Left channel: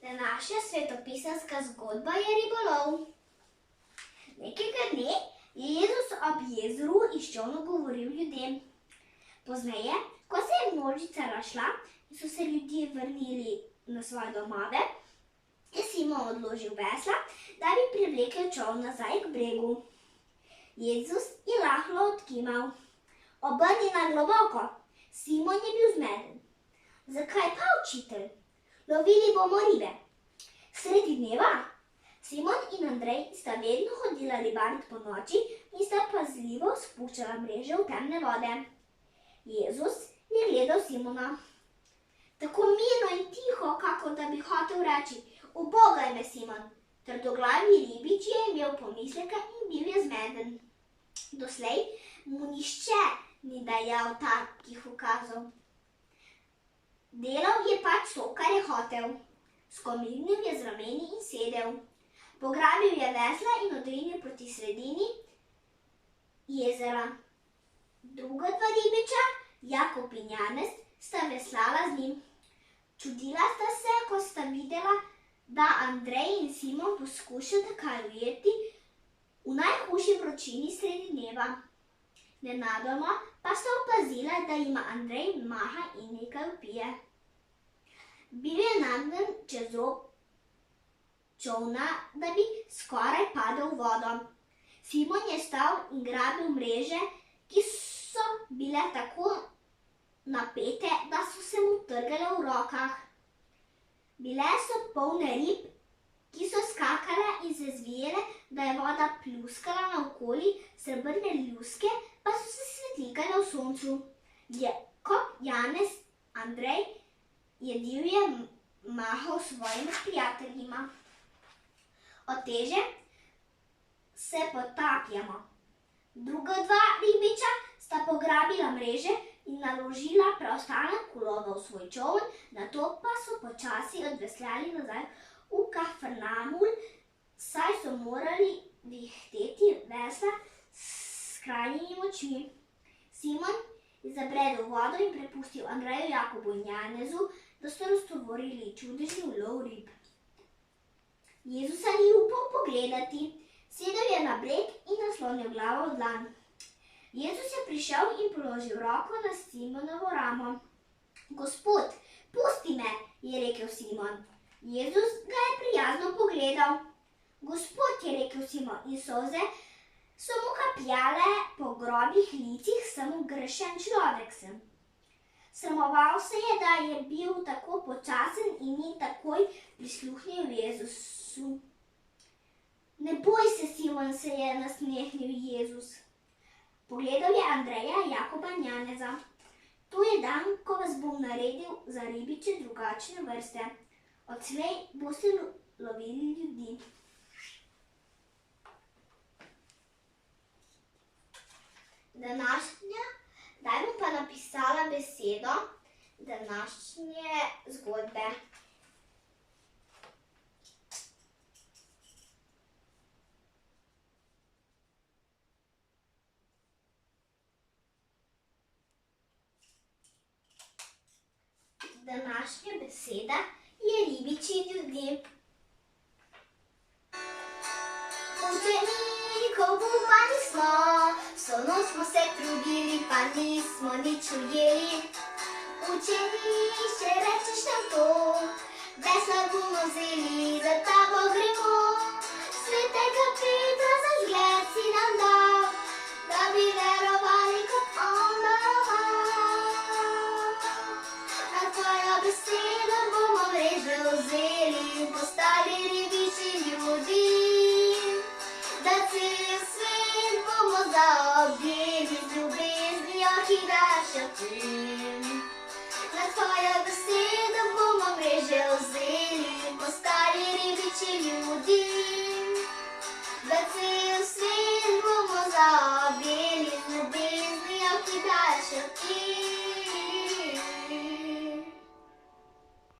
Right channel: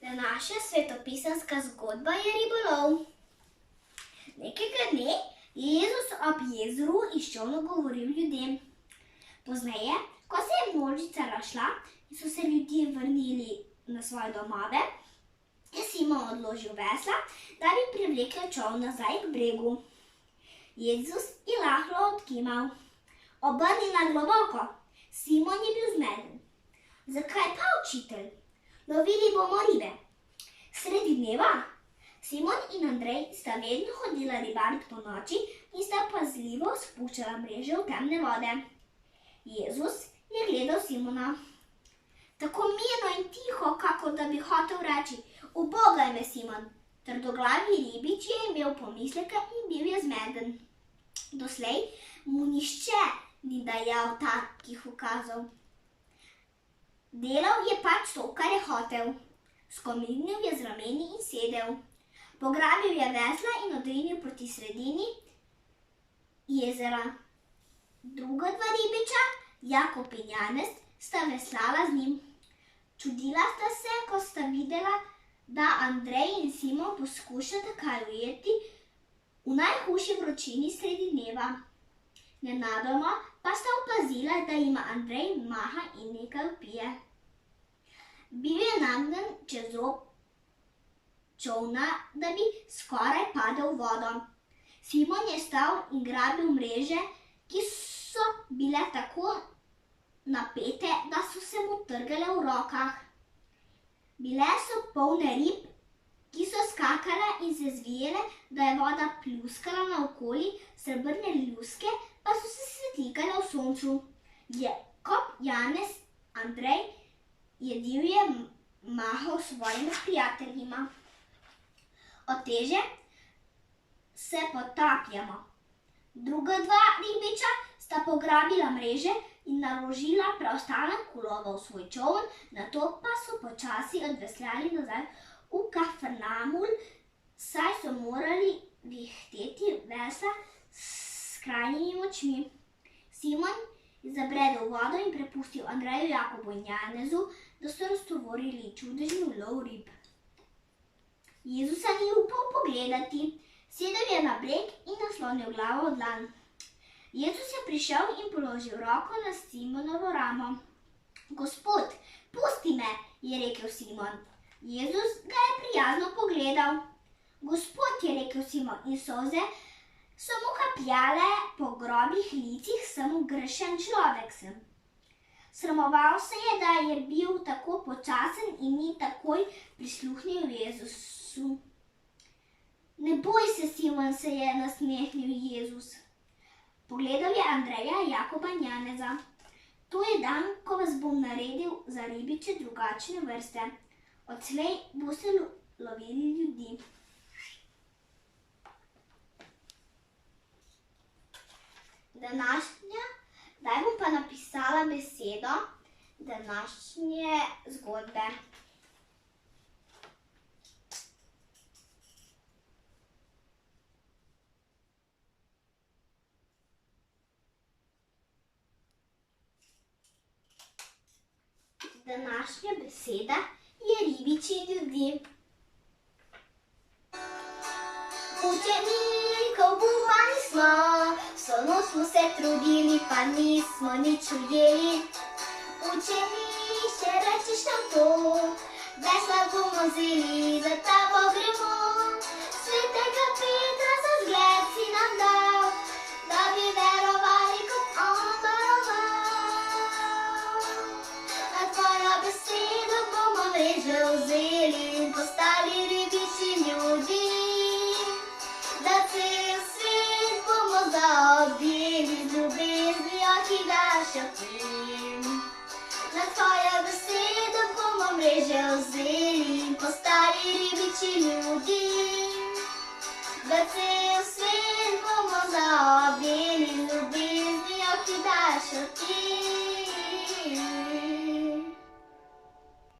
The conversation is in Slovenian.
Današnja svetopisemska zgodba je ribolov. Nekega dne je Jezus ob jezeru iz čolna govoril ljudem. Pozneje, ko se je množica razšla in so se ljudje vrnili na svoje domove, je Simon odložil vesla, da bi privlekel čoln nazaj k bregu. Jezus je rahlo odkimal. Obrni na globoko. Simon je bil zmeden. Zakaj pa, učitelj? Lovili bomo ribe. Sredi dneva? Simon in Andrej sta vedno hodila ribariti po noči in sta pazljivo spuščala mreže v temne vode. Jezus je gledal Simona. Tako mirno in tiho, kakor da bi hotel reči: "Ubogaj me, Simon." Trdoglavi ribič je imel pomisleke in bil je zmeden. Doslej mu nihče ni dajal takih ukazov. Delal je pač to, kar je hotel. Skomignil je z rameni in sedel. Pograbil je vesla in odrinil proti sredini jezera. Druga dva ribiča, Jakob in Janez, sta veslala z njim. Čudila sta se, ko sta videla, da Andrej in Simon poskušata kaj ujeti v najhujši vročini sredi dneva. Nenadoma pa sta opazila, da jima Andrej maha in nekaj vpije. Bil je nagnjen čez rob čolna, da bi skoraj padel v vodo. Simon je stal in grabil mreže, ki so bile tako napete, da so se mu trgale v rokah. Bile so polne rib, ki so skakale in se zvijele, da je voda pljuskala naokoli, srebrne ljuske pa so se svetlikale v soncu. Jakob, Janez, Andrej je divje mahal svojima prijateljima. Od teže se potapljamo. Druga dva ribiča sta pograbila mreže in naložila preostanek ulova v svoj čoln, nato pa so počasi odveslali nazaj v Kafarnaum, saj so morali vihteti vesla s skrajnimi močmi. Simon je zabredel v vodo in prepustil Andreju, Jakobu in Janezu, da so raztovorili čudežni ulov rib. Jezusa ni upal pogledati. Sedel je na breg in naslonil glavo v dlan. Jezus je prišel in položil roko na Simonovo ramo. "Gospod, pusti me," je rekel Simon. Jezus ga je prijazno pogledal. "Gospod," je rekel Simon, in solze so mu kapljale po grobih licih, sem grešen človek sem. Sramoval se je, da je bil tako počasen in ni takoj prisluhnil Jezusu. "Ne boj se, Simon," se je nasmehnil Jezus. Pogledal je Andreja, Jakoba in Janeza. "To je dan, ko vas bom naredil za ribiče drugačne vrste. Odslej boste lovili ljudi." Zdaj bom pa napisala besedo današnje zgodbe. Današnja beseda je ribiči ljudi. Učenikov upani smo, vso noč smo se trudili, pa nismo nič ujeli. Učeniče, rečeš nam to, vesla bomo vzeli, za tabo gremo. Svetega Petra za zgled si nam dal, da bi verovali, kot on daroval. Na tvojo besedo bomo mreže vzeli in postali ribiči ljudi. Da cel svet bomo zaobjeli z ljubeznijo, ki daš plin. Na tvojo besedo bomo mreže vzeli.